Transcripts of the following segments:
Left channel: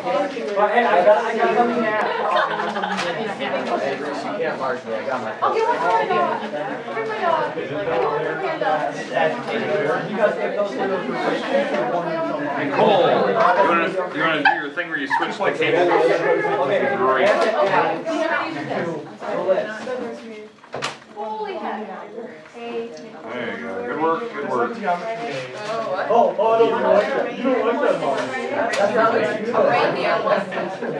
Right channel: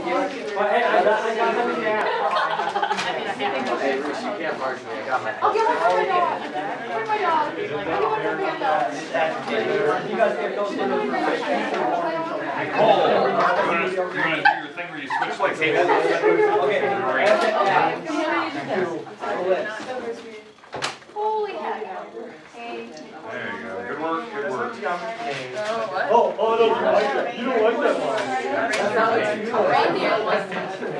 Hey, I got something to ask. I'll get my dog. Bring my dog. Anyone for panda? You guys get those Nicole, you want to do your thing where you switch the cable? Great. Holy heck. There you go. Good work, good work. you don't want that A reindeer lesson.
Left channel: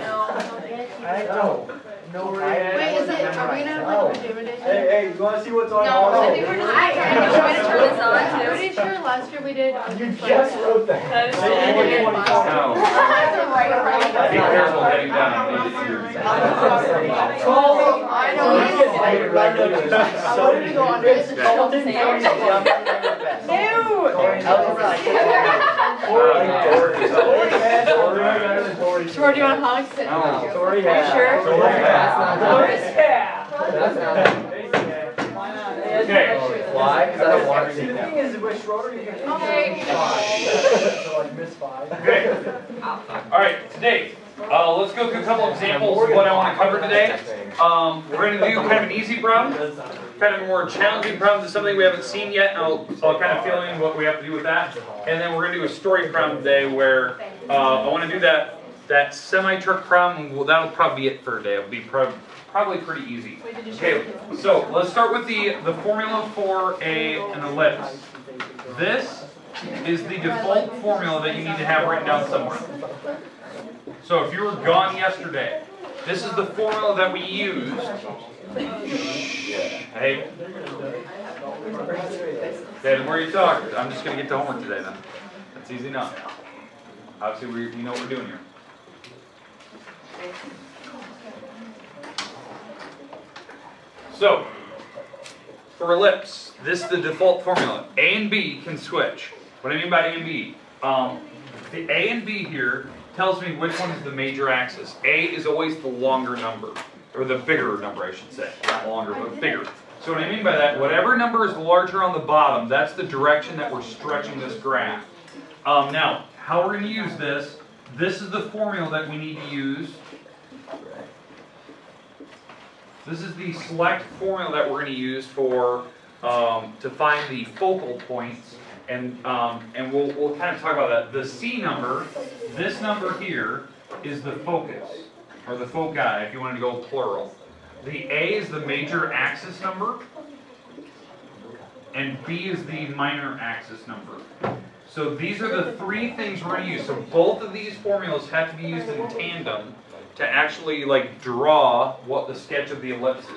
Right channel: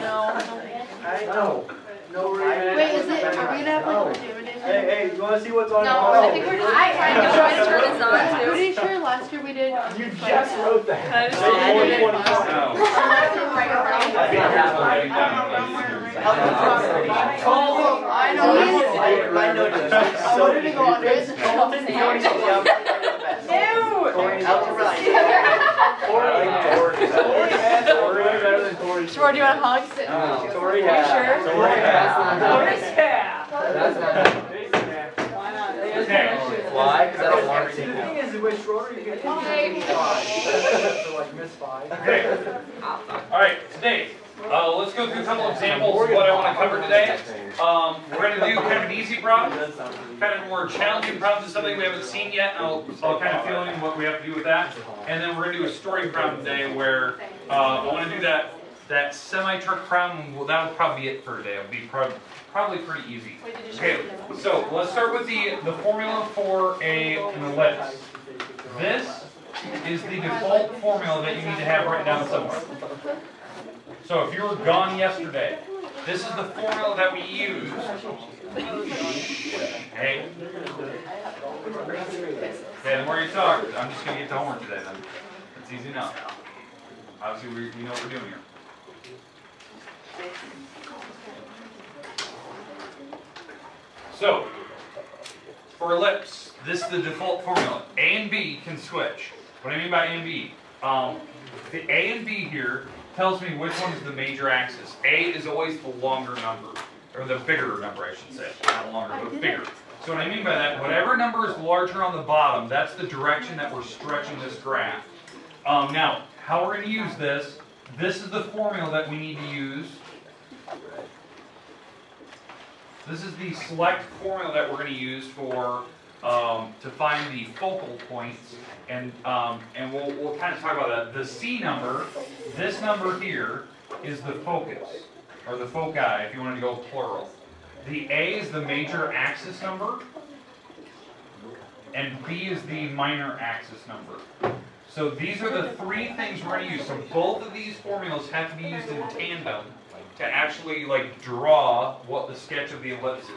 No. No. Wait, is it? Are we gonna have No. activity? Hey, you want to see what's on? No, I think we're just trying to turn this on. I'm Pretty sure last year we did. You just wrote that. No. Be careful getting down on these ears. I Ew! George, you want to hug? Are you sure? Okay. Why? Because I don't want to see it. The thing is, with shorter, you get 5. So like miss 5. Okay. All right, today, let's go through a couple examples of what I want to cover today. We're going to do kind of an easy problem, kind of a more challenging problem to something we haven't seen yet. I'll kind of fill in what we have to do with that. And then we're going to do a story problem today where I want to do that semi-truck problem. Well, that'll probably be it for today. It'll be probably pretty easy. Okay, so let's start with the formula for an ellipse. This is the default formula that you need to have written down somewhere. So if you were gone yesterday, this is the formula that we used. Hey. Okay, the more you talk, I'm just going to get to homework today then. That's easy enough. Obviously, we know what we're doing here. So, for ellipse, this is the default formula. A and B can switch. What do I mean by A and B? The A and B here tells me which one is the major axis. A is always the longer number, or the bigger number, I should say. Not longer, but bigger. So what I mean by that, whatever number is larger on the bottom, that's the direction that we're stretching this graph. Now, how we're going to use this is the formula that we need to use. This is the select formula that we're going to use for to find the focal points, and we'll kind of talk about that. The C number, this number here, is the focus, or the foci, if you wanted to go plural. The A is the major axis number, and B is the minor axis number. So these are the three things we're going to use. So both of these formulas have to be used in tandem to actually draw what the sketch of the ellipse is.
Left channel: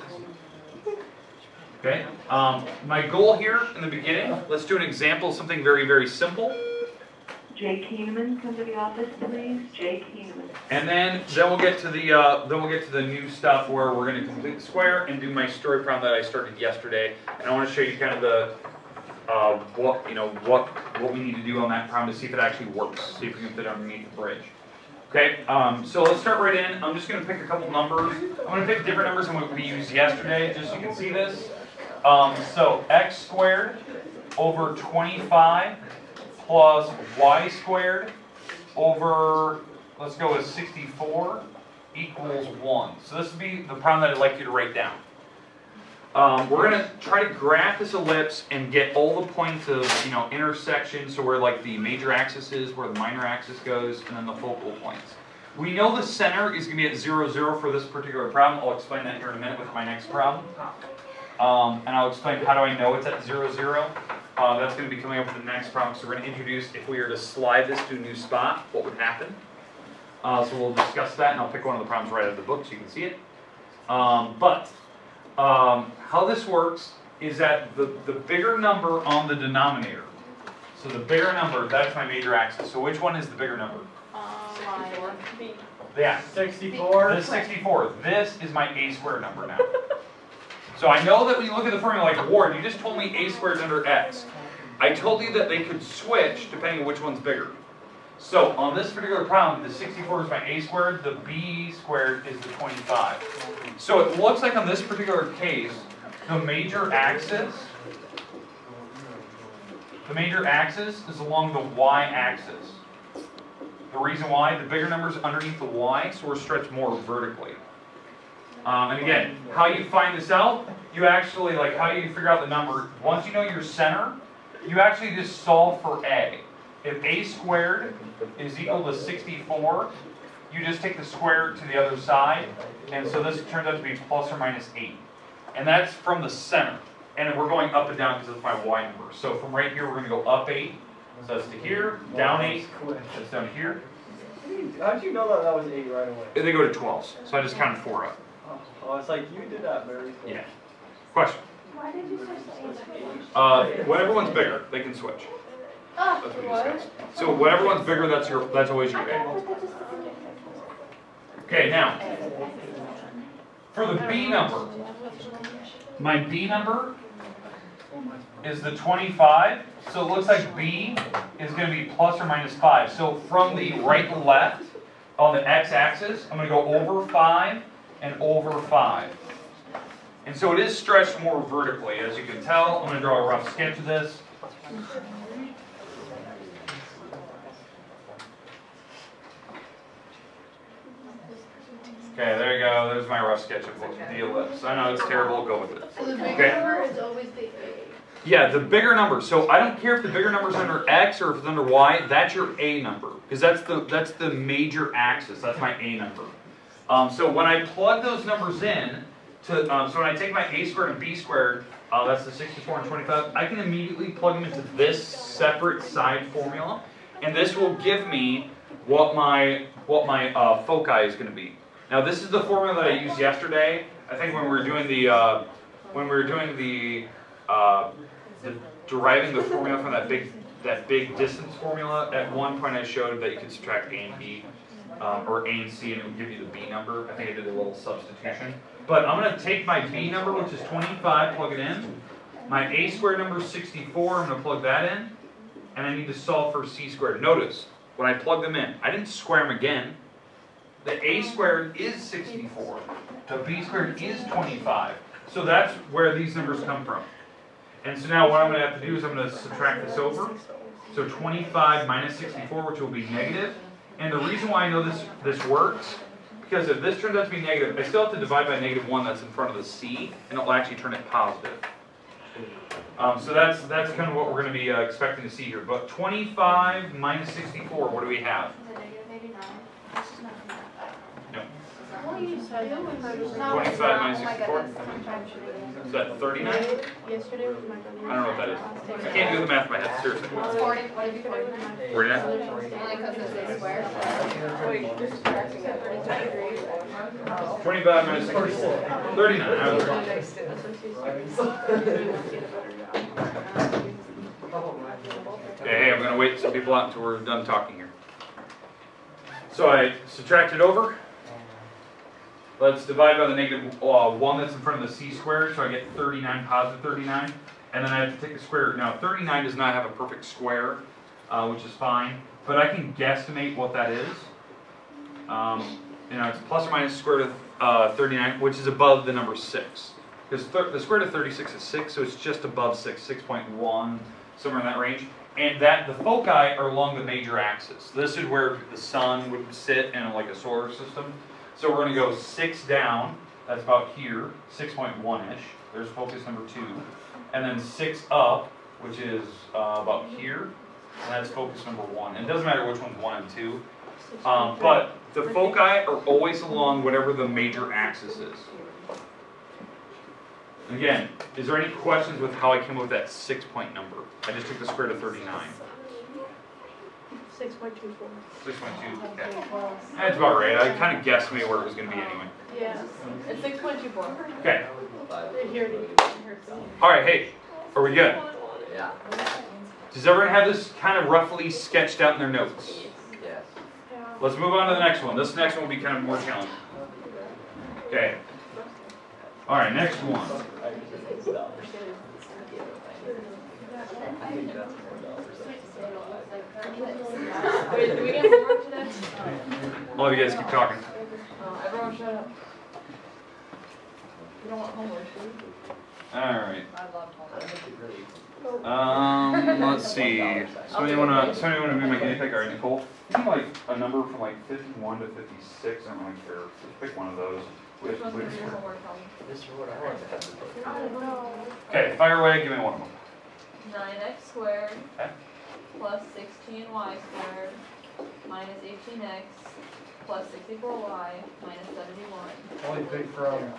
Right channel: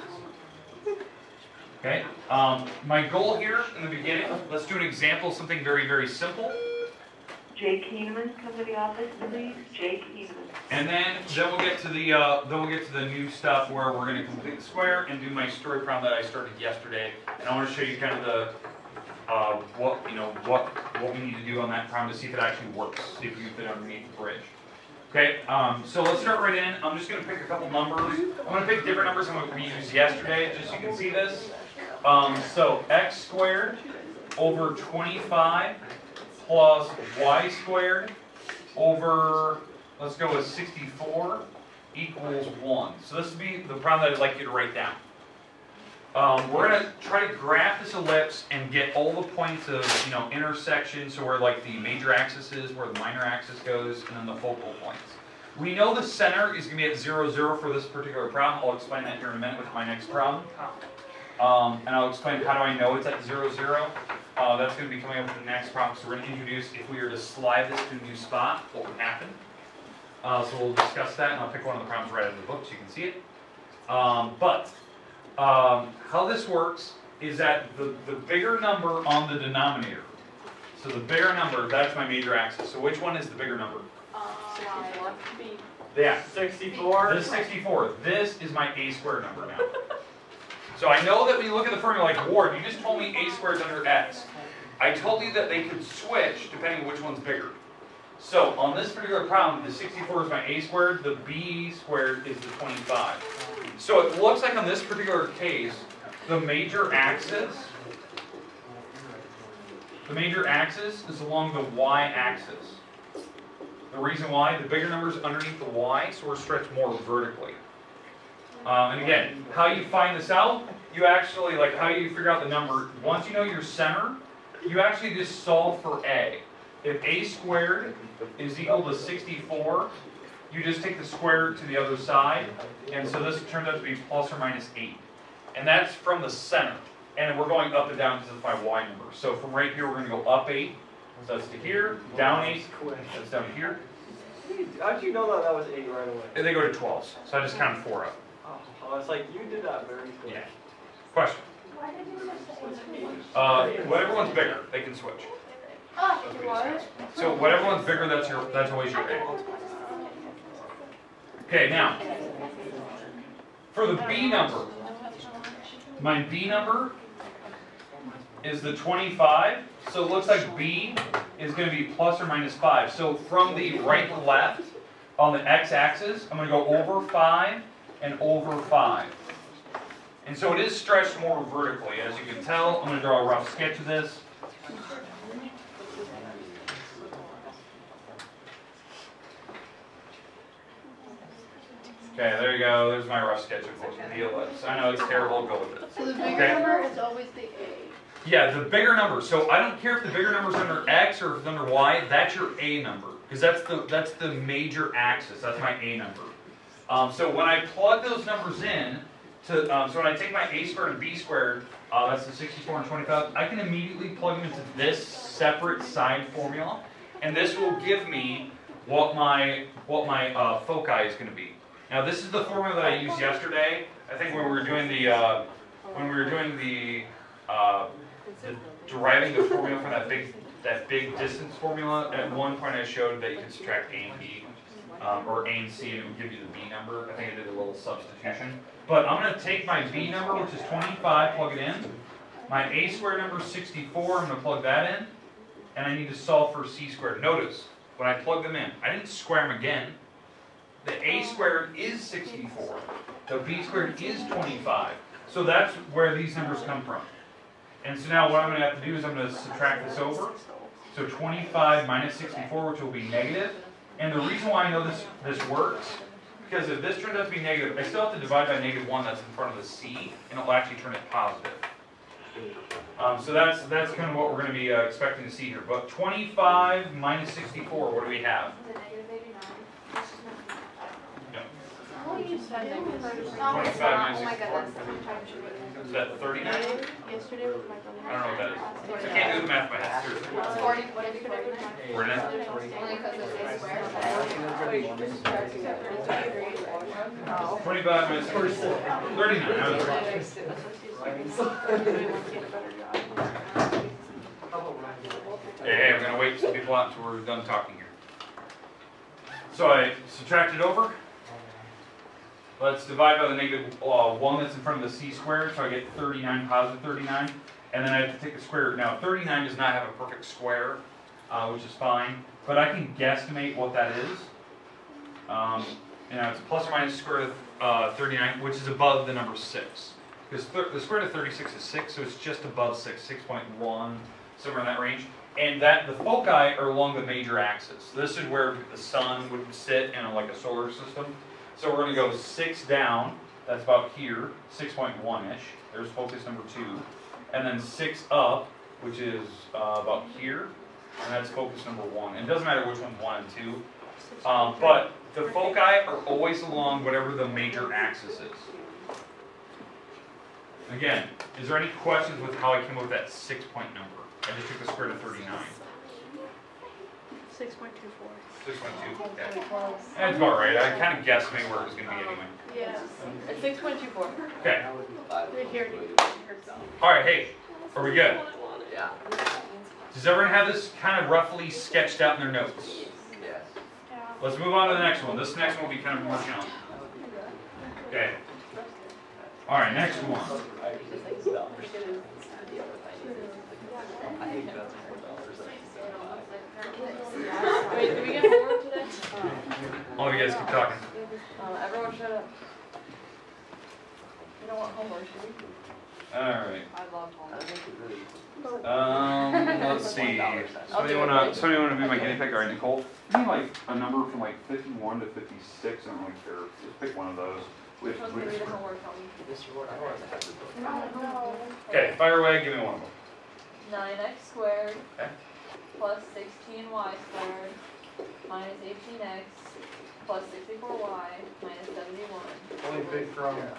Okay. My goal here in the beginning, let's do an example of something very, very simple. Jay Keeneman, come to the office, please. Jay Keeneman. And then we'll get to the new stuff where we're going to complete the square and do my story problem that I started yesterday. And I want to show you kind of the what we need to do on that problem to see if it actually works. See if we can fit underneath the bridge. Okay, so let's start right in. I'm just going to pick a couple numbers. I'm going to pick different numbers than what we used yesterday, just so you can see this. So x squared over 25 plus y squared over, let's go with 64, equals 1. So this would be the problem that I'd like you to write down. We're going to try to graph this ellipse and get all the points of intersection, so where the major axis is, where the minor axis goes, and then the focal points. We know the center is going to be at 0, 0 for this particular problem. I'll explain that here in a minute with my next problem. And I'll explain how do I know it's at 0, 0. That's going to be coming up with the next problem. So we're going to introduce, if we were to slide this to a new spot, what would happen. So we'll discuss that, and I'll pick one of the problems right out of the book so you can see it. How this works is that the bigger number on the denominator, so the bigger number, that's my major axis. So which one is the bigger number? Yeah. 64. This is 64. This is my a squared number now. So I know that when you look at the formula, like Ward, you just told me a squared is under x. I told you that they could switch depending on which one's bigger. So on this particular problem, the 64 is my a squared, the b squared is the 25. So it looks like on this particular case, the major axis is along the y-axis. The reason why, the bigger number's underneath the y, so we're stretched more vertically. And again, how you find this out, you actually, like how you figure out the number, once you know your center, you actually just solve for a. If a squared is equal to 64, you just take the square root to the other side, and so this turns out to be plus or minus 8. And that's from the center. And we're going up and down because that's my y number. So from right here, we're going to go up 8. So that's to here, down 8, that's down to here. How'd you know that was 8 right away? And they go to 12s. So I just counted 4 up. Oh, it's like you did that very quick. Yeah. Question? Why did you switch to A? Whatever one's bigger, they can switch. Oh, That's what we discussed. So whatever one's bigger, that's always your A. Okay, now, for the B number, my B number is the 25, so it looks like B is going to be plus or minus 5. So from the right to left, on the x-axis, I'm going to go over 5 and over 5. And so it is stretched more vertically, as you can tell. I'm going to draw a rough sketch of this. Okay, there you go. There's my rough sketch of the ellipse. I know it's terrible. Go with it. So the bigger Okay. number is always the A. Yeah, the bigger number. So I don't care if the bigger number is under x or if it's under y. That's your A number because that's the major axis. That's my A number. So when I plug those numbers in, so when I take my A squared and B squared, that's the 64 and 25. I can immediately plug them into this separate side formula, and this will give me what my foci is going to be. Now this is the formula that I used yesterday. I think when we were doing the deriving the formula from that big distance formula. At one point I showed that you could subtract A and B, or A and C, and it would give you the B number. I think I did a little substitution. But I'm going to take my B number, which is 25, plug it in. My A squared number is 64. I'm going to plug that in, and I need to solve for C squared. Notice when I plug them in, I didn't square them again. The A squared is 64. The B squared is 25. So that's where these numbers come from. And so now what I'm going to have to do is I'm going to subtract this over. So 25 minus 64, which will be negative. And the reason why I know this works, because if this turns out to be negative, I still have to divide by -1 that's in front of the C, and it'll actually turn it positive. So that's kind of what we're going to be expecting to see here. But 25 minus 64, what do we have? Is it negative 89? This is not. No. What do you say? 25 minus 64? Is that 39? Yesterday was I don't know what that is. I can't do the math in my head, seriously. 40. What did it be 49? 49? Only because this is square. 25 minus 64. 39. I was wrong. Hey, I'm going to wait some people out until we're done talking here. So I subtract it over. Let's divide by the -1 that's in front of the C squared, so I get 39, positive 39. And then I have to take the square root. Now, 39 does not have a perfect square, which is fine. But I can guesstimate what that is. It's plus or minus square root of 39, which is above the number 6. Because the square root of 36 is 6, so it's just above 6, 6.1, somewhere in that range. And the foci are along the major axis. This is where the sun would sit in like a solar system. So we're going to go 6 down, that's about here, 6.1-ish. There's focus number 2. And then 6 up, which is about here, and that's focus number 1. And it doesn't matter which one's 1 and 2. But the foci are always along whatever the major axis is. Again, is there any questions with how I came up with that 6-point number? I just took the square root of 39. 6.24. 6.2, okay. That's about right. I kind of guessed maybe where it was going to be anyway. Yeah. It's 6.24. Okay. Here it is. All right, hey, are we good? Yeah. Does everyone have this kind of roughly sketched out in their notes? Yes. Let's move on to the next one. This next one will be kind of more challenging. Okay. All right, next one. Wait, do we get homework today? All of you guys keep talking. Everyone shut up. We don't want homework, do we? All right. I love homework. Let's see. Somebody wanna be my guinea pig? All right, Nicole. Give me like a number from like 51 to 56. I don't really care. Just pick one of those. Okay, fire away. Give me one of them. 9x squared Okay. plus 16y squared minus 18x plus 64y minus 71. Only big from.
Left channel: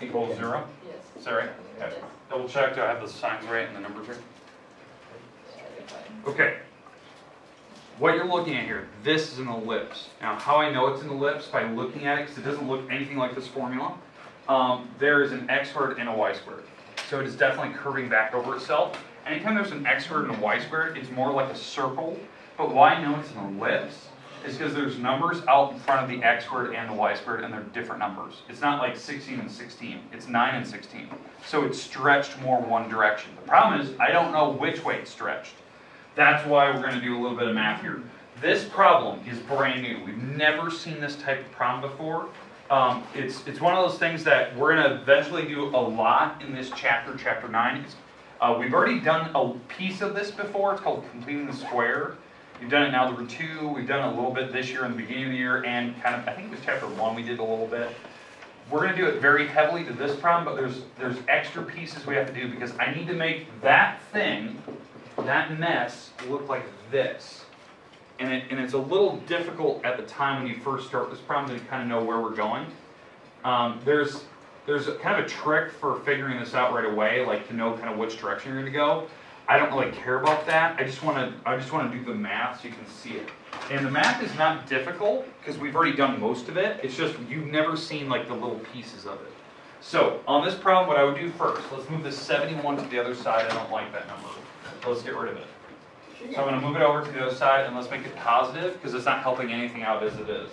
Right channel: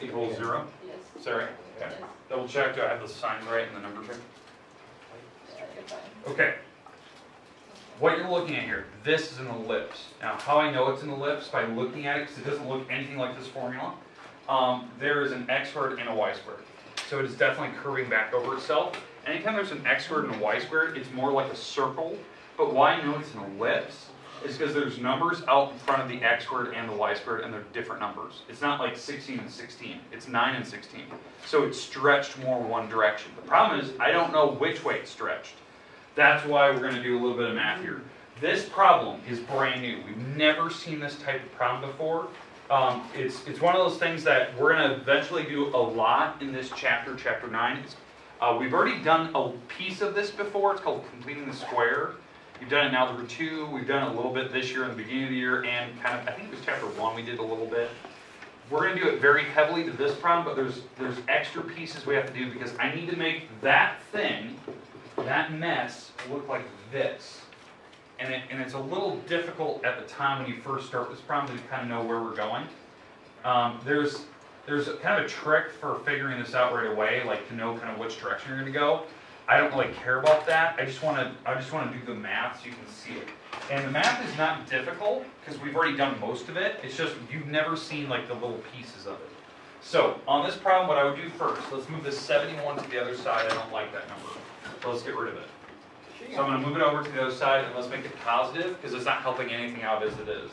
Equals 0. Yes. Is that right? Okay. Yes. Double check. Do I have the signs right and the numbers right? Yeah, you're fine. Okay. What you're looking at here, this is an ellipse. Now, how I know it's an ellipse by looking at it, because it doesn't look anything like this formula. There is an x squared and a y squared. So it is definitely curving back over itself. Anytime there's an x squared and a y squared, it's more like a circle. But why I know it's an ellipse is because there's numbers out in front of the x squared and the y squared, and they're different numbers. It's not like 16 and 16. It's 9 and 16. So it's stretched more one direction. The problem is, I don't know which way it's stretched. That's why we're going to do a little bit of math here. This problem is brand new. We've never seen this type of problem before. It's one of those things that we're going to eventually do a lot in this chapter, chapter 9. We've already done a piece of this before. It's called completing the square. We've done it in Algebra 2. We've done it a little bit this year in the beginning of the year, and kind of, I think it was chapter 1 we did a little bit. We're going to do it very heavily to this problem, but there's extra pieces we have to do because I need to make that thing, that mess, look like this. And it's a little difficult at the time when you first start this problem to kind of know where we're going. There's kind of a trick for figuring this out right away, like to know kind of which direction you're going to go. I don't really care about that. I just want to do the math so you can see it. And the math is not difficult because we've already done most of it. It's just you've never seen like the little pieces of it. So on this problem, what I would do first, let's move this 71 to the other side. I don't like that number. So let's get rid of it. So I'm going to move it over to the other side, and let's make it positive, because it's not helping anything out as it is.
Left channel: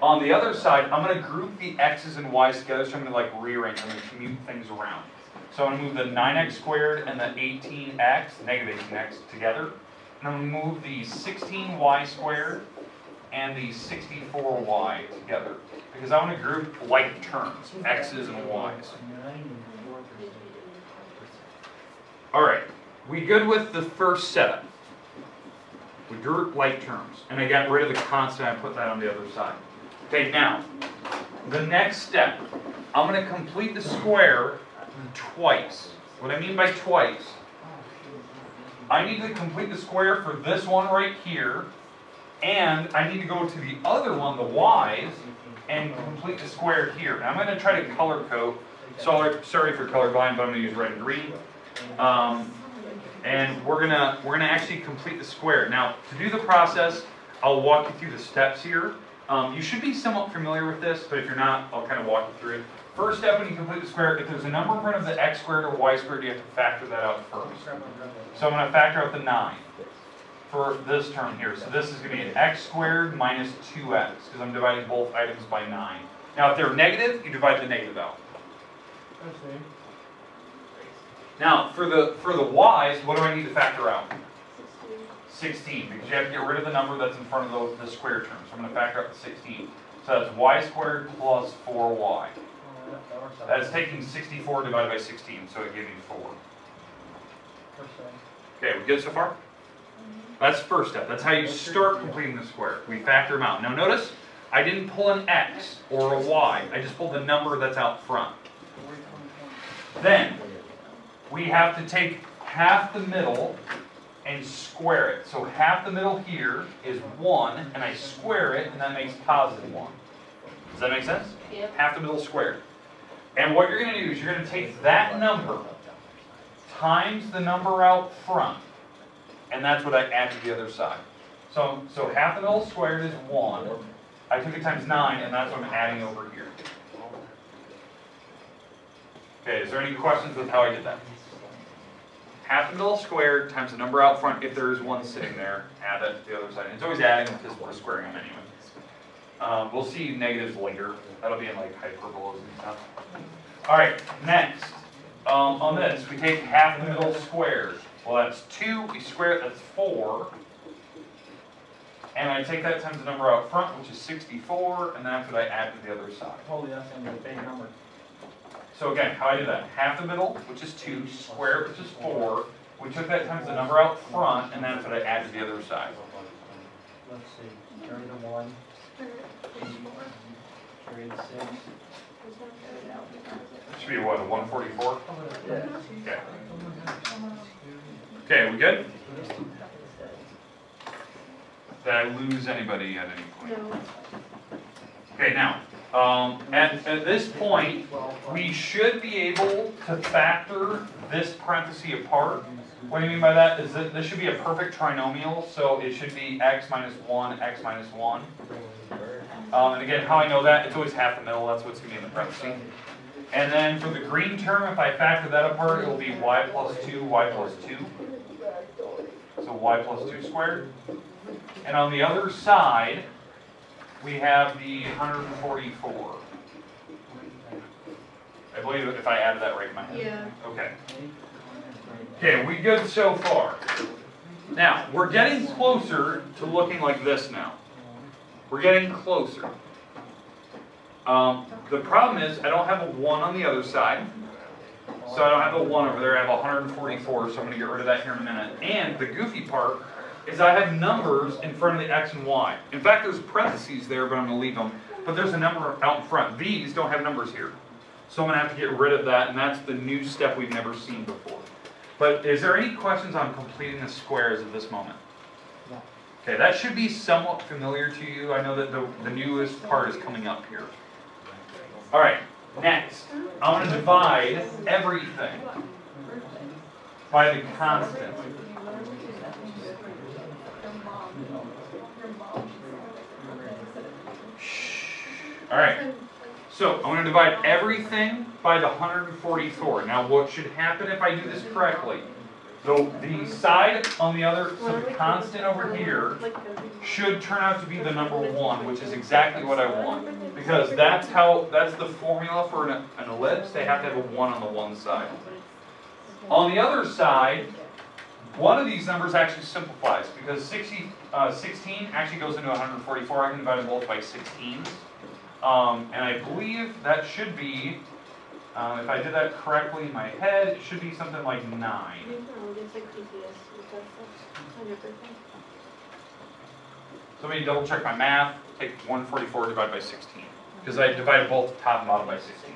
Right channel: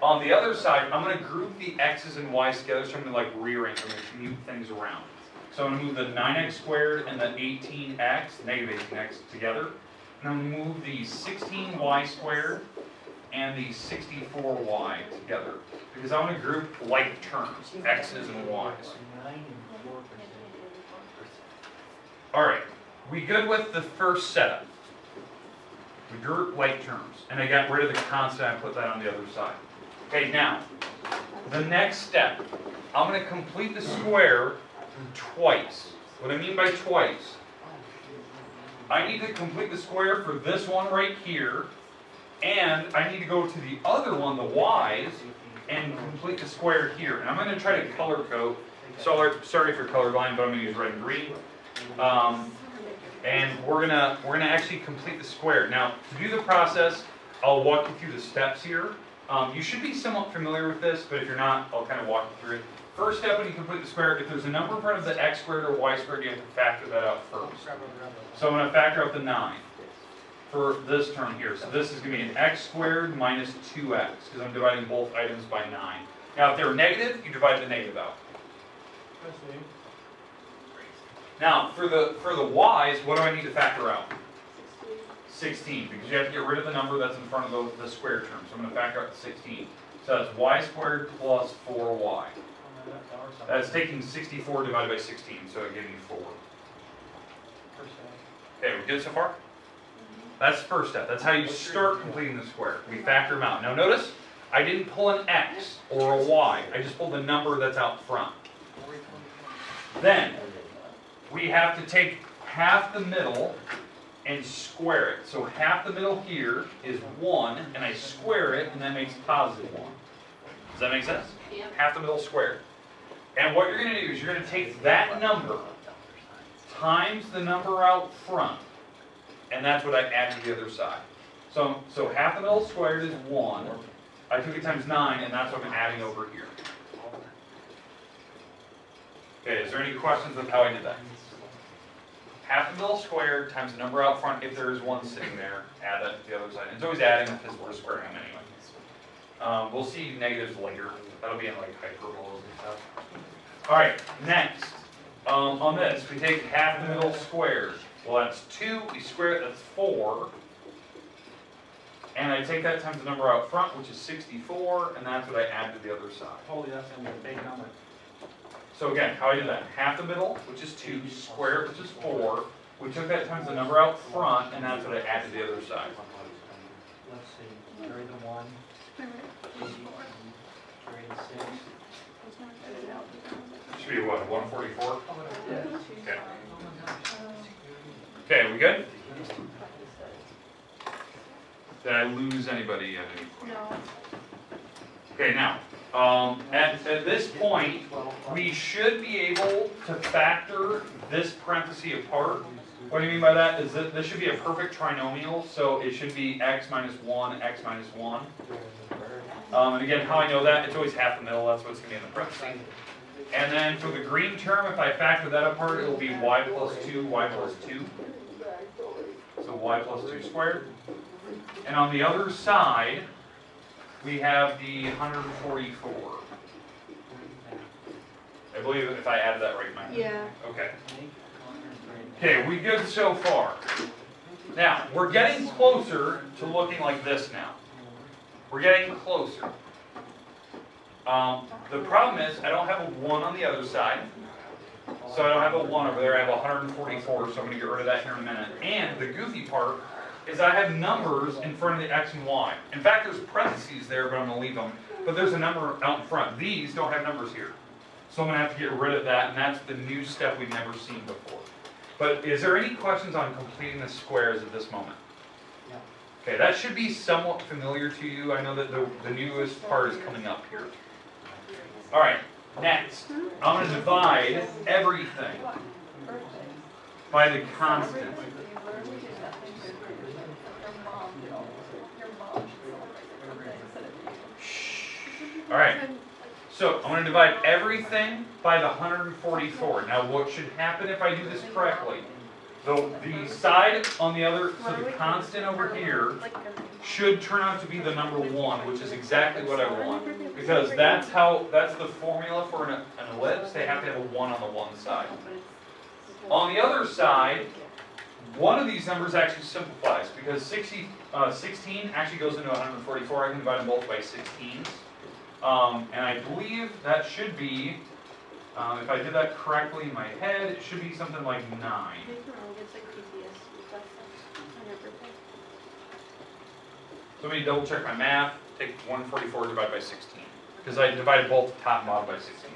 On the other side, I'm going to group the x's and y's together, so I'm going to like rearrange. I'm going to commute things around. So I'm going to move the 9x squared and the 18x, negative 18x, together. And I'm going to move the 16y squared and the 64y together, because I want to group like terms, x's and y's. All right, we good with the first setup? We group like terms, and I got rid of the constant. I put that on the other side. Okay, now, the next step. I'm going to complete the square twice. What I mean by twice, I need to complete the square for this one right here, and I need to go to the other one, the y's, and complete the square here. And I'm going to try to color code. So sorry if you're colorblind, but I'm going to use red and green. And we're gonna actually complete the square. Now, to do the process, I'll walk you through the steps here. You should be somewhat familiar with this, but if you're not, I'll kind of walk you through it. First step when you complete the square, if there's a number in front of the x squared or y squared, you have to factor that out first. So I'm going to factor out the 9 for this term here. So this is going to be an x squared minus 2x, because I'm dividing both items by 9. Now, if they're negative, you divide the negative out. Now, for the y's, what do I need to factor out? 16, because you have to get rid of the number that's in front of the square term. So I'm going to factor out the 16. So that's y squared plus 4y. That's taking 64 divided by 16, so it gave me 4. Okay, we good so far? That's the first step. That's how you start completing the square. We factor them out. Now notice, I didn't pull an x or a y. I just pulled the number that's out front. Then, we have to take half the middle and square it. So half the middle here is 1, and I square it, and that makes positive 1. Does that make sense? Yep. Half the middle squared. And what you're going to do is you're going to take that number times the number out front, and that's what I add to the other side. So half the middle squared is 1. I took it times 9, and that's what I'm adding over here. Okay, is there any questions with how I did that? Half the middle squared times the number out front, if there is one sitting there, add that to the other side. And it's always adding because we're squaring them anyway. We'll see negatives later. That'll be in like hyperbolas and stuff. All right, next. On this, we take half the middle squared. Well, that's 2. We square it, that's 4. And I take that times the number out front, which is 64, and that's what I add to the other side. Holy, that's going to be a big number. So again, how I did that, half the middle, which is 2, square, which is 4. We took that times the number out front, and that's what I added to the other side. Let's see, third of 1, trade 6. Should be what, a 144? Okay. Okay, we good? Did I lose anybody at any point? No. Okay, now, at this point, we should be able to factor this parenthesis apart. What do you mean by that? Is that this should be a perfect trinomial, so it should be x minus 1, x minus 1. And again, how I know that, it's always half the middle, that's what's going to be in the parenthesis. And then for the green term, if I factor that apart, it will be y plus 2, y plus 2. So y plus 2 squared. And on the other side, we have the 144. I believe if I added that right in my head. Yeah. Okay. Okay, we good so far. Now, we're getting closer to looking like this now. We're getting closer. The problem is I don't have a 1 on the other side. So I don't have a 1 over there. I have 144, so I'm going to get rid of that here in a minute. And the goofy part is I have numbers in front of the x and y. In fact, there's parentheses there, but I'm going to leave them. But there's a number out in front. These don't have numbers here. So I'm going to have to get rid of that, and that's the new step we've never seen before. But is there any questions on completing the squares at this moment? Okay, that should be somewhat familiar to you. I know that the newest part is coming up here. All right, next, I'm going to divide everything by the constant. All right, so I'm going to divide everything by the 144. Now, what should happen if I do this correctly? The side on the other, so the constant over here, should turn out to be the number 1, which is exactly what I want. Because that's the formula for an ellipse. They have to have a 1 on the one side. On the other side, one of these numbers actually simplifies, because 16 actually goes into 144. I can divide them both by 16s. And I believe that should be, if I did that correctly in my head, it should be something like 9. So let me double check my math. Take 144 divided by 16. Because I divided both top and bottom by 16. Is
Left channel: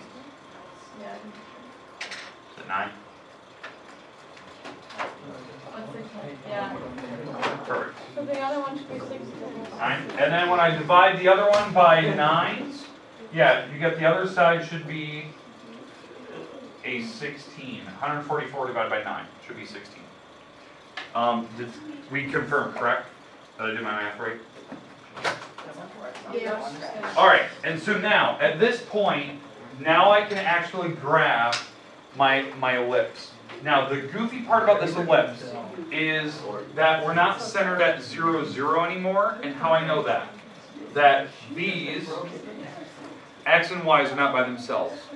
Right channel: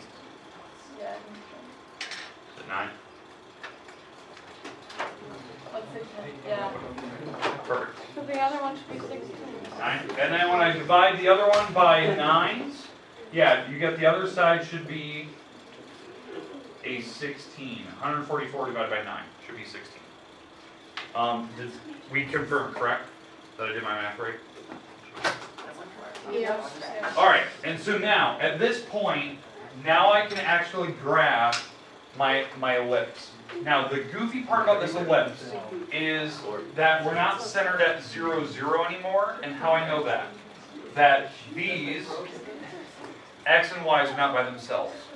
it 9? Yeah. Perfect. So the other one should be 16. 9. And then when I divide the other one by 9s, yeah, you get the other side should be a 16. 144 divided by 9 should be 16. Did we confirm, correct? That I did my math right? Yeah. All right, and so now, at this point, now I can actually graph my ellipse. Now, the goofy part about this ellipse is that we're not centered at 0, 0 anymore, and how I know that? That these x and y's are not by themselves.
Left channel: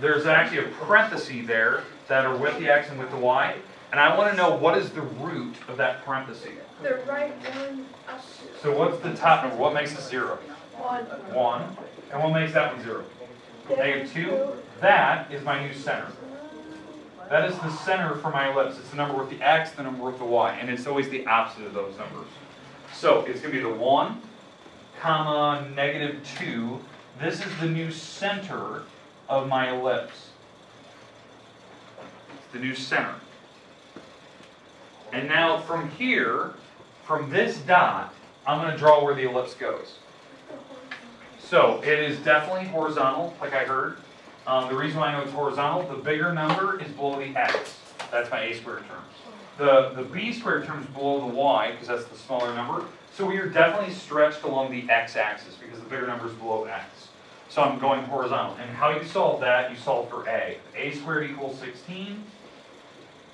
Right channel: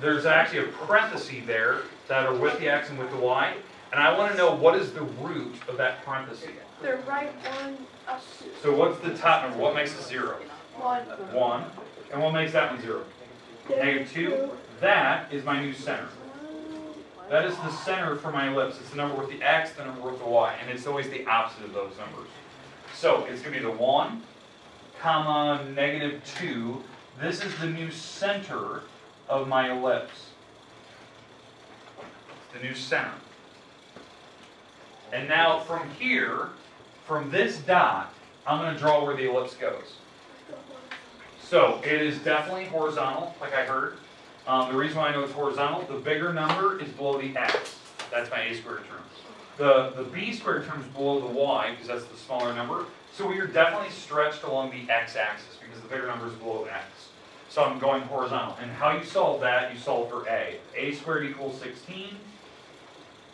There's actually a parenthesis there that are with the x and with the y, and I want to know what is the root of that parenthesis. The right one. So what's the top number? What makes it 0? 1. And what makes that one 0? -2. That is my new center. That is the center for my ellipse. It's the number with the x, the number with the y, and it's always the opposite of those numbers. So it's going to be the 1, comma, -2. This is the new center of my ellipse. It's the new center. And now from here, from this dot, I'm going to draw where the ellipse goes. So it is definitely horizontal, like I heard. The reason why I know it's horizontal, the bigger number is below the x. That's my a squared term. The b squared term is below the y, because that's the smaller number. So we are definitely stretched along the x-axis, because the bigger number is below x. So I'm going horizontal. And how you solve that, you solve for a. A squared equals 16.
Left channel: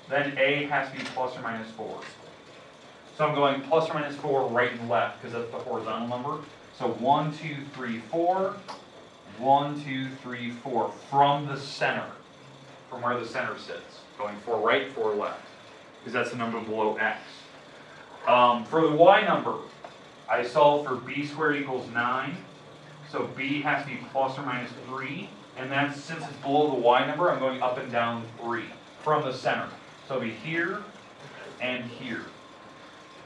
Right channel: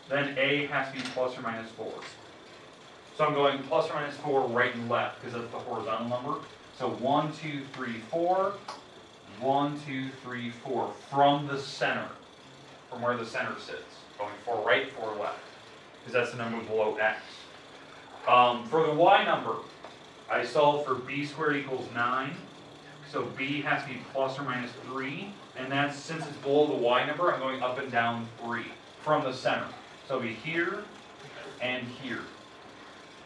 Then a has to be plus or minus 4. So I'm going plus or minus 4 right and left, because that's the horizontal number. So 1, 2, 3, 4. 1, 2, 3, 4. From the center. From where the center sits. Going 4 right, 4 left. Because that's the number below x. For the y number, I solve for b squared equals 9. So b has to be plus or minus 3, And that's, since it's below the y number, I'm going up and down 3 from the center. So it'll be here and here.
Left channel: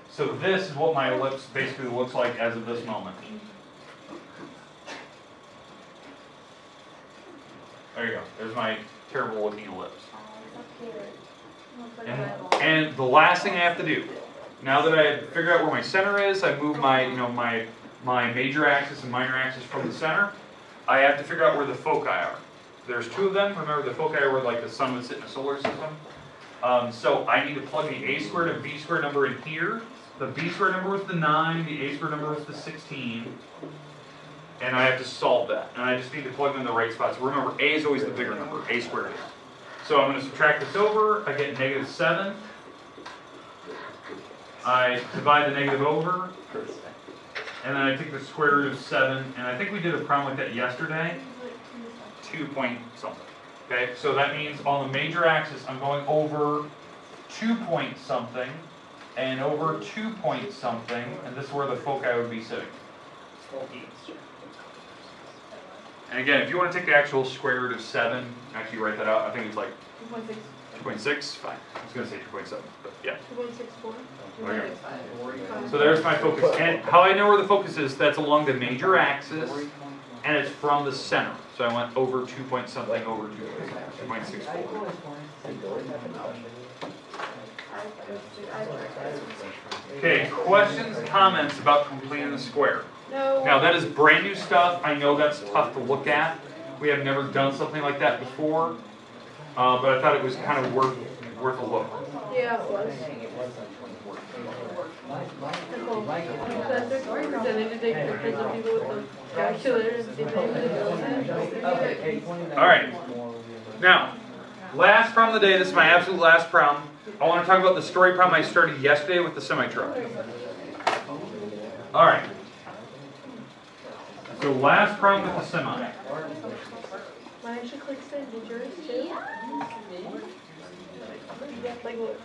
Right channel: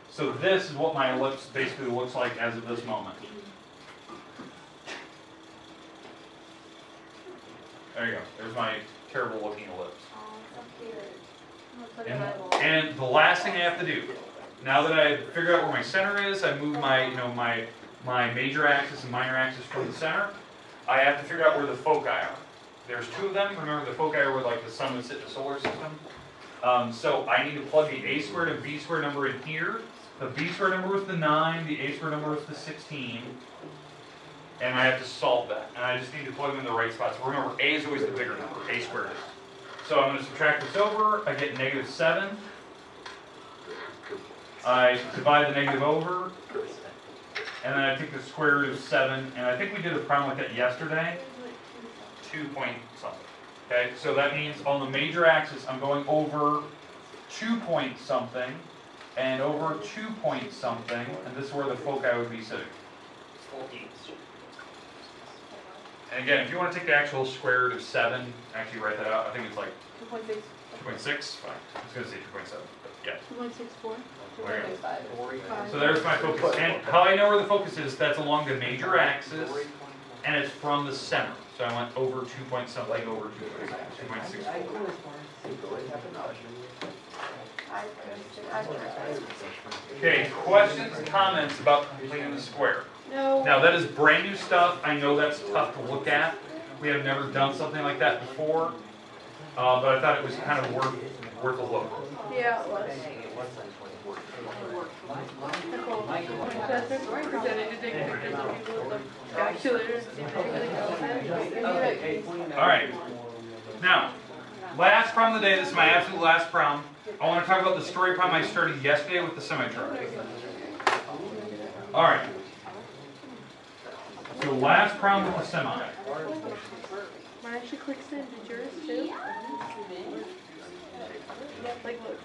So this is what my ellipse basically looks like as of this moment. There you go. There's my terrible looking ellipse. And the last thing I have to do, now that I figure out where my center is, I move my, my major axis and minor axis from the center. I have to figure out where the foci are. There's 2 of them. Remember, the foci are where like the sun would sit in the solar system. So I need to plug the a squared and b squared number in here. The b squared number was the 9. The a squared number was the 16. And I have to solve that. And I just need to plug them in the right spots. Remember, a is always the bigger number. A squared is. So I'm going to subtract this over. I get negative 7. I divide the negative over. And then I take the square root of 7. And I think we did a problem like that yesterday. 2 point something. Okay, so that means on the major axis, I'm going over 2 point something and over 2 point something. And this is where the foci would be sitting. And again, if you want to take the actual square root of 7, actually write that out. I think it's like 2.6. Fine. I was going to say 2.7, but yeah. 2.64. Okay. So there's my focus. And how I know where the focus is, that's along the major axis, and it's from the center. So I went over 2 point something over 2.64. Okay, questions, comments about completing the square? No. Now that is brand new stuff. I know that's tough to look at. We have never done something like that before, but I thought it was kind of worth a look. Yeah, it was. All right. Now, last problem of the day. This is my absolute last problem. I want to talk about the story problem I started yesterday with the semi-truck. All right. So last problem with the semi. Mine actually clicks in. Did yours too? Like, look.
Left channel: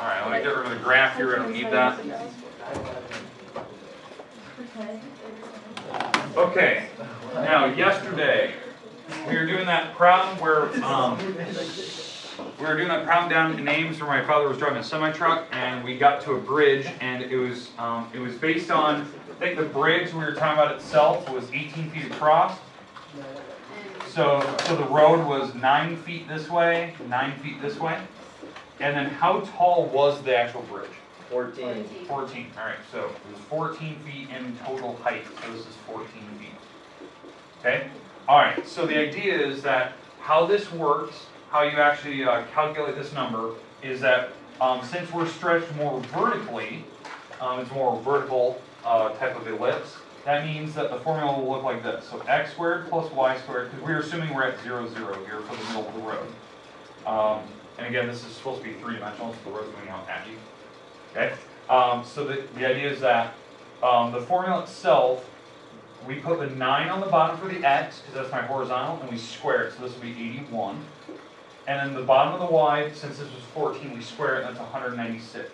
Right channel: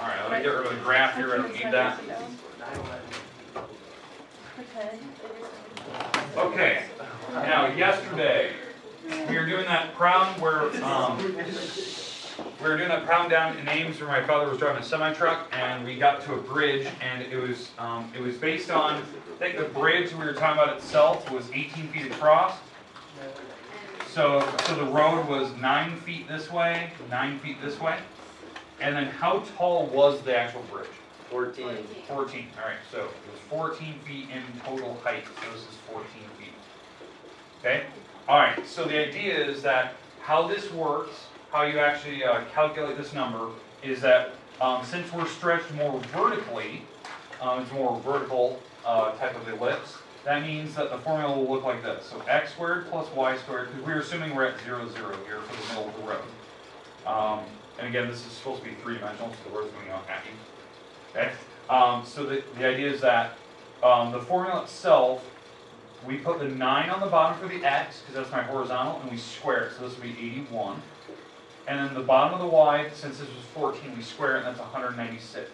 All right, let me get rid of the graph here. I don't need that. Okay. Now, yesterday we were doing that problem where down in Ames where my father was driving a semi truck, and we got to a bridge, and it was based on, I think the bridge we were talking about itself was 18 feet across. So the road was 9 feet this way, 9 feet this way. And then how tall was the actual bridge? 14. 14. All right, so it was 14 feet in total height. So this is 14 feet. Okay? All right, so the idea is that how this works, how you actually calculate this number, is that since we're stretched more vertically, it's more vertical type of ellipse, that means that the formula will look like this. So x squared plus y squared, because we're assuming we're at 0, 0 here for the middle of the road. And again, this is supposed to be 3-dimensional, so the road's moving out at you. Okay? So the idea is that the formula itself, we put the 9 on the bottom for the x, because that's my horizontal, and we square it, so this will be 81. And then the bottom of the y, since this was 14, we square it, and that's 196.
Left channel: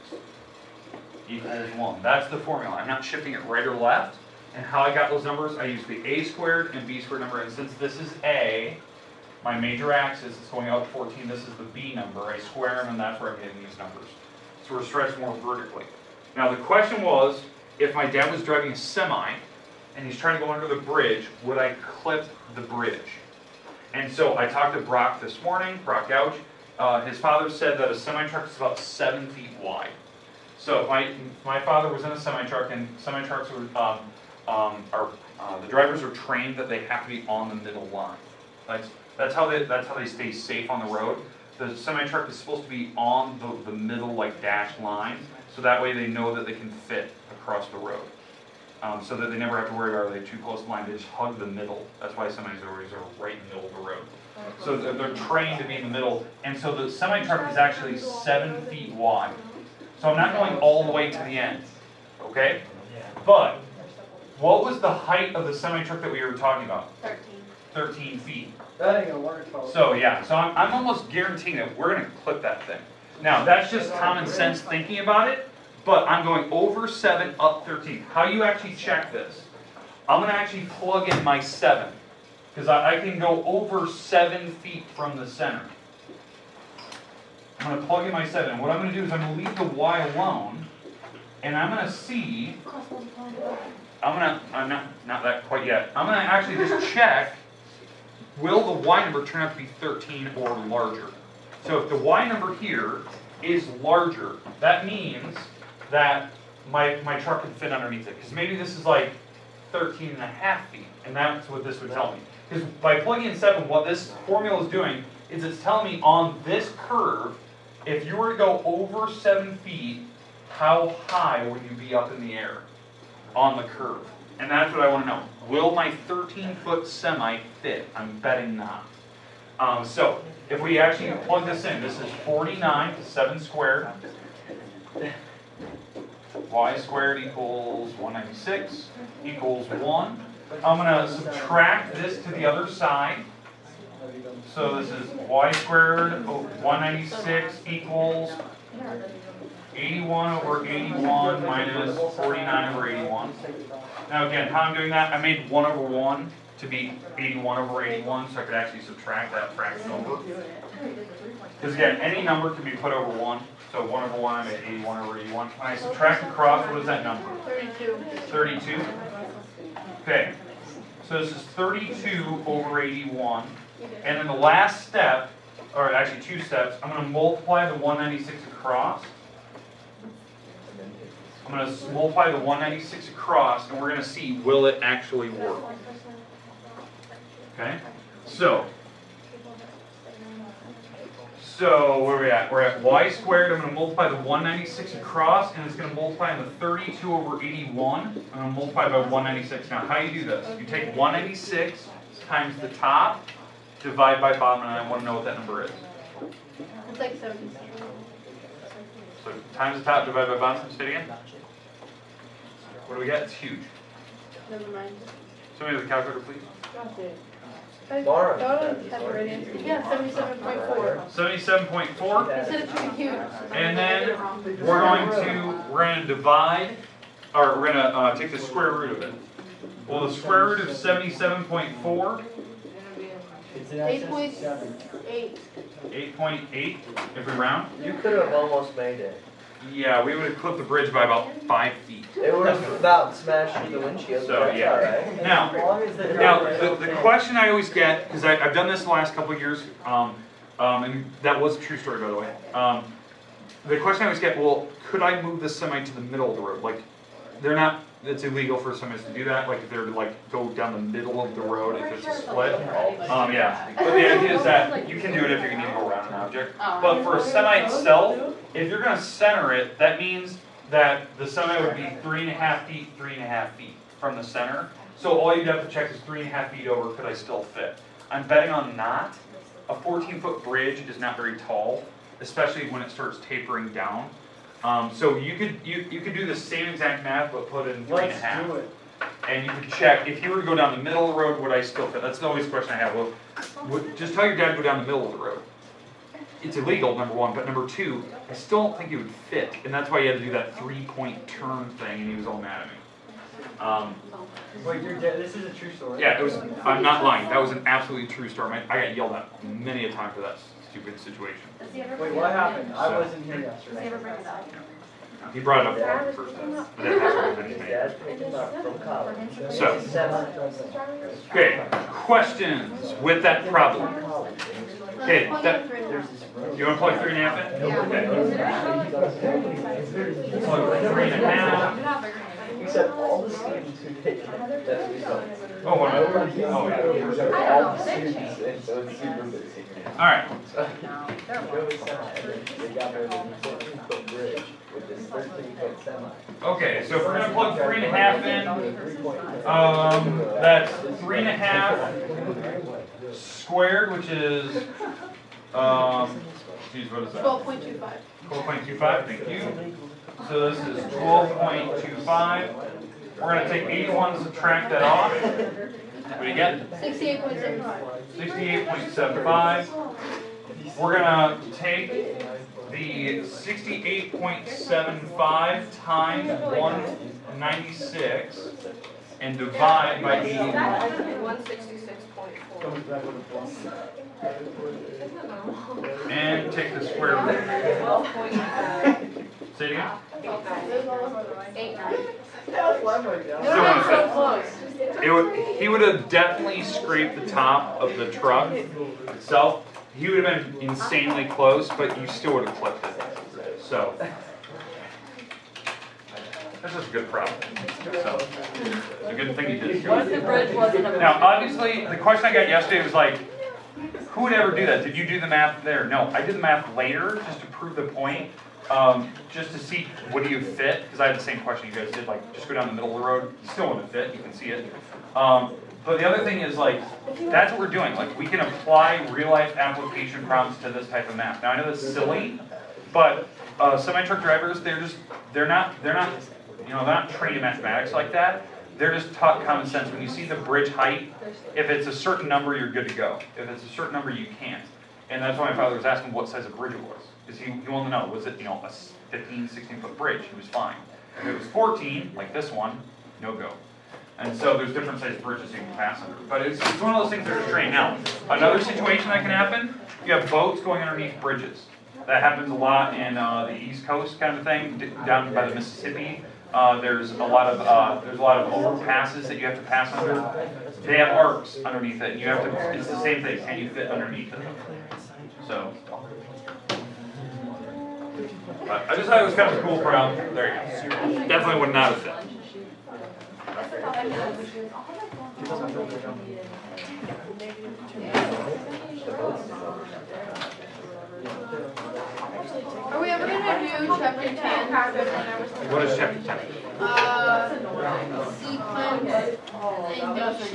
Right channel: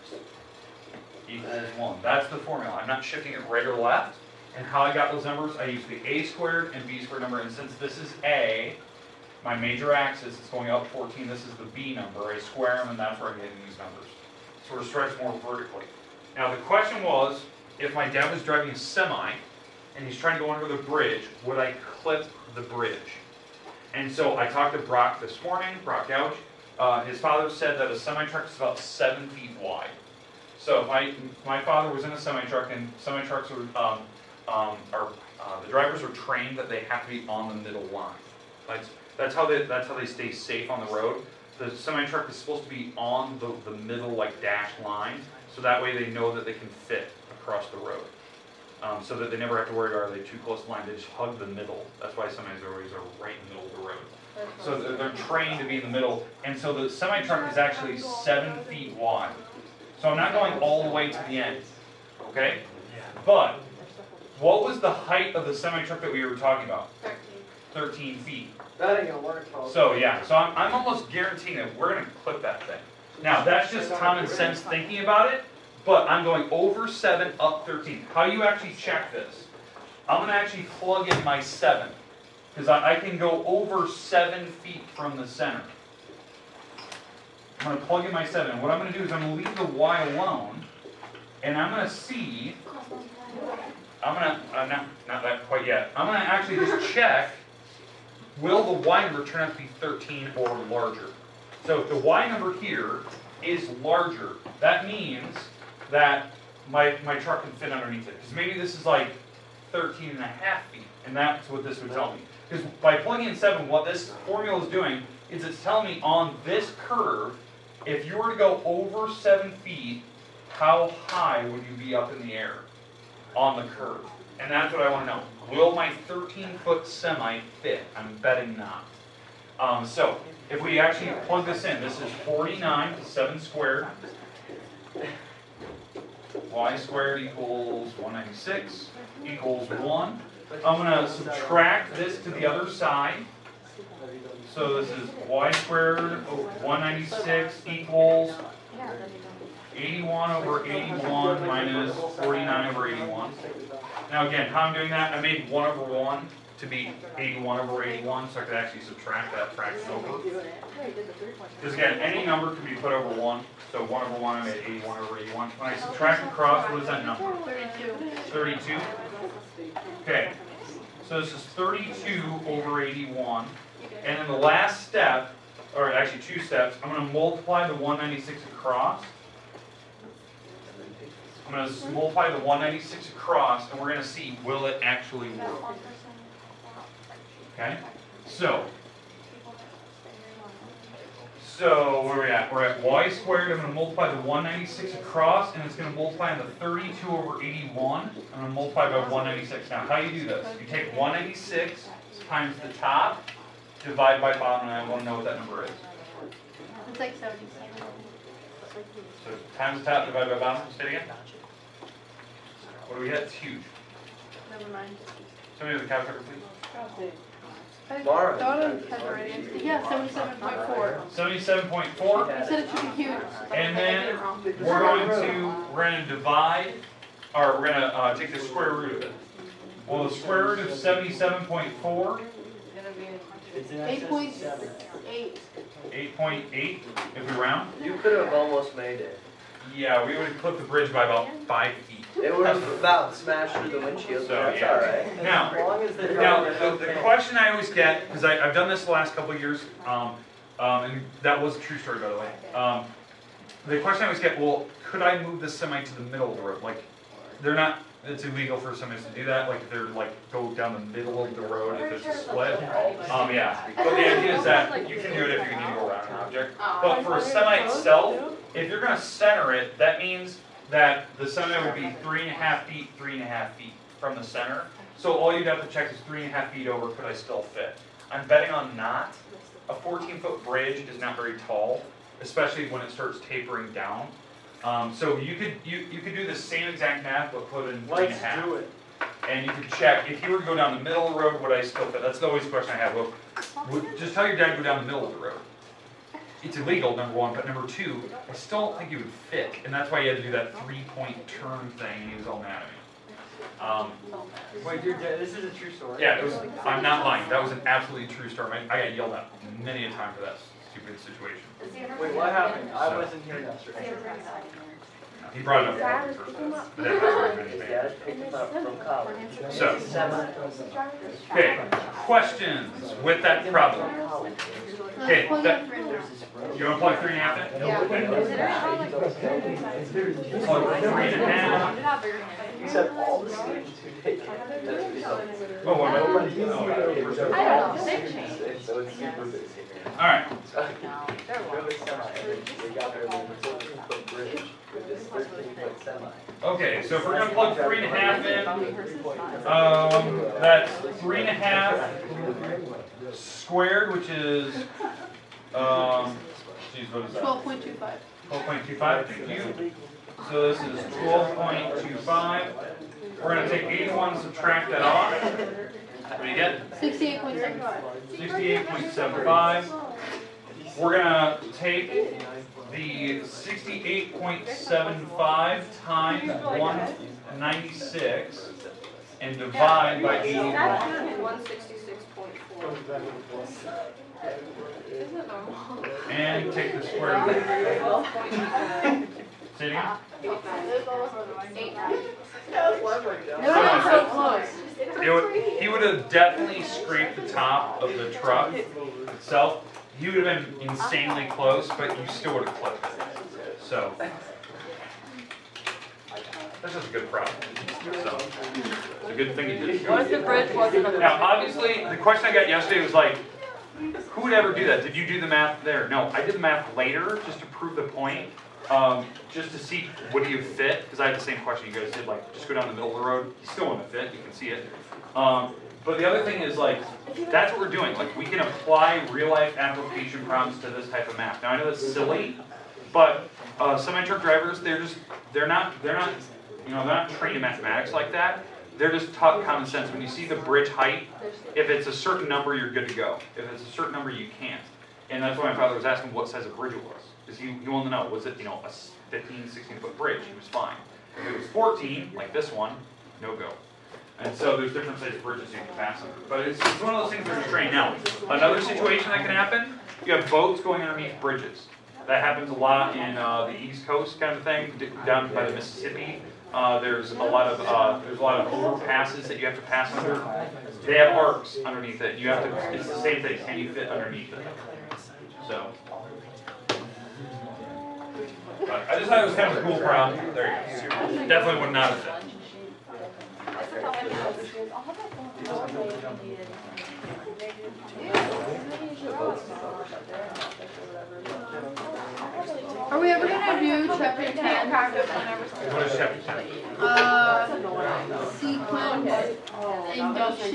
Equals 1. That's the formula. I'm not shifting it right or left. And how I got those numbers, I used the a squared and b squared number. And since this is a, my major axis is going up 14, this is the b number. I square them, and that's where I'm getting these numbers. So we're stretched more vertically. Now the question was, if my dad was driving a semi, and he's trying to go under the bridge, would I clip the bridge? And so I talked to Brock this morning, Brock Gouch. His father said that a semi-truck is about 7 feet wide. So if my father was in a semi-truck, and semi-trucks the drivers are trained that they have to be on the middle line. That's how they stay safe on the road. The semi-truck is supposed to be on the middle, like, dashed line, so that way they know that they can fit across the road. So that they never have to worry about, are they too close to line, they just hug the middle. That's why semis always are right in the middle of the road. So they're trained to be in the middle, and so the semi-truck is actually 7 feet wide. So I'm not going all the way to the end, okay? But what was the height of the semi-truck that we were talking about? 13 feet. That ain't gonna work. So yeah, so I'm almost guaranteeing that we're going to clip that thing. Now, that's just common sense thinking about it, but I'm going over 7, up 13. How you actually check this? I'm going to actually plug in my 7. Because I can go over 7 feet from the center. I'm going to plug in my 7. And what I'm going to do is I'm going to leave the y alone. And I'm going to see, I'm going to, not that quite yet. I'm going to actually just check, will the y number turn out to be 13 or larger? So if the y number here is larger, that means that my truck can fit underneath it. Because maybe this is like 13 and a half feet. And that's what this would tell me. Because by plugging in 7, what this formula is doing is it's telling me on this curve, if you were to go over 7 feet, how high would you be up in the air on the curve? And that's what I want to know. Will my 13-foot semi fit? I'm betting not. So if we actually plug this in, this is 49 to 7 squared. Y squared equals 196 equals 1. I'm going to subtract this to the other side. So this is y squared 196 equals 81 over 81 minus 49 over 81. Now again, how I'm doing that, I made 1 over 1 to be 81 over 81, so I could actually subtract that fraction over. Because again, any number can be put over 1. So 1 over 1, I made 81 over 81. When I subtract across, what is that number? 32. Okay, so this is 32 over 81. And then the last step, or actually 2 steps, I'm going to multiply the 196 across. I'm going to multiply the 196 across, and we're going to see, will it actually work? Okay, so where are we at? We're at y squared. I'm going to multiply the 196 across, and it's going to multiply in the 32 over 81. I'm going to multiply by 196. Now, how do you do this? You take 196 times the top, divide by bottom, and I want to know what that number is. It's like 76. So times the top, divide by bottom. Say it again. What do we get? It's huge. Never mind. Somebody with a calculator, please. Yeah, 77.4. 77.4. Instead it should be huge. And then we're going to divide, or we're going to take the square root of it. Well, the square root of 77.4. 8.8. 8.8 if we round. You could have almost made it. Yeah, we would have clipped the bridge by about 5 feet. It would have about smashed through the windshield. So yeah. Right. Now the question I always get, because I've done this the last couple of years, and that was a true story, by the way. The question I always get, well, could I move the semi to the middle of the road? Like, they're not. It's illegal for semis to do that. Like if they're like go down the middle of the road if it's a split. Yeah. But the idea is that you can do it if you need to go around an object. But for a semi itself, if you're going to center it, that means that the semi would be 3.5 feet, 3.5 feet from the center. So all you'd have to check is 3.5 feet over. Could I still fit? I'm betting on not. A 14-foot bridge is not very tall, especially when it starts tapering down. So you could do the same exact math, but put in 3.5. Do it. And you could check, if you were to go down the middle of the road, would I still fit? That's the always question I have. Well, just tell your dad to go down the middle of the road. It's illegal, number one, but number two, I still don't think it would fit. And that's why you had to do that 3-point turn thing, and he was all mad at me. Wait, your dad, this is a true story? Yeah, I'm not lying. That was an absolutely true story. I got yelled at many a time for that stupid situation. Wait, what happened? I wasn't here yesterday. He brought it up for the first time, but that has already been made. So, okay, questions with that problem? Okay, you want to plug 3.5 in? Okay. Plug 3.5. Except all the students who take it. Oh, what am I? Oh, yeah. All the students, and so it's super busy. All right. Really semi. They got their 14-foot bridge with this 13-foot semi. Okay, so if we're going to plug 3.5 in, that's 3.5 squared, which is, geez, what is that? 12.25. 12.25, thank you. So this is 12.25. We're going to take 81 and subtract that off. What do you get? 68.75. 68.75. We're going to take the 68.75 times 196. and divide by 80. 166.4. And take the square root. Say it again. 8, 9. He would have definitely scraped the top of the truck itself. He would have been insanely close, but you still would have clipped it. So, this is a good problem. So, it's a good thing you did. Now, obviously, the question I got yesterday was like, who would ever do that? Did you do the math there? No, I did the math later just to prove the point. Just to see what do you fit, because I had the same question you guys did, like just go down the middle of the road, you still want to fit, you can see it. But the other thing is like, that's what we're doing, like we can apply real life application problems to this type of math. Now I know that's silly, but semi-truck drivers, they're not trained in mathematics like that. They're just taught common sense. When you see the bridge height, if it's a certain number, you're good to go. If it's a certain number, you can't. And that's why my father was asking what size of bridge it was. Because he wanted to know, was it a 15, 16-foot bridge? He was fine. If it was 14, like this one, no go. And so there's different sized bridges you can pass under. But it's one of those things that are just trained. Now, another situation that can happen, you have boats going underneath bridges. That happens a lot in the East Coast kind of thing, down by the Mississippi. There's a lot of overpasses that you have to pass under. They have arcs underneath it. You have to. It's the same thing. Can you fit underneath it? So, I just thought it was kind of a cool problem. There you go. Definitely would not have fit. Are we ever gonna do chapter 10? What is chapter 10? Sequence, induction,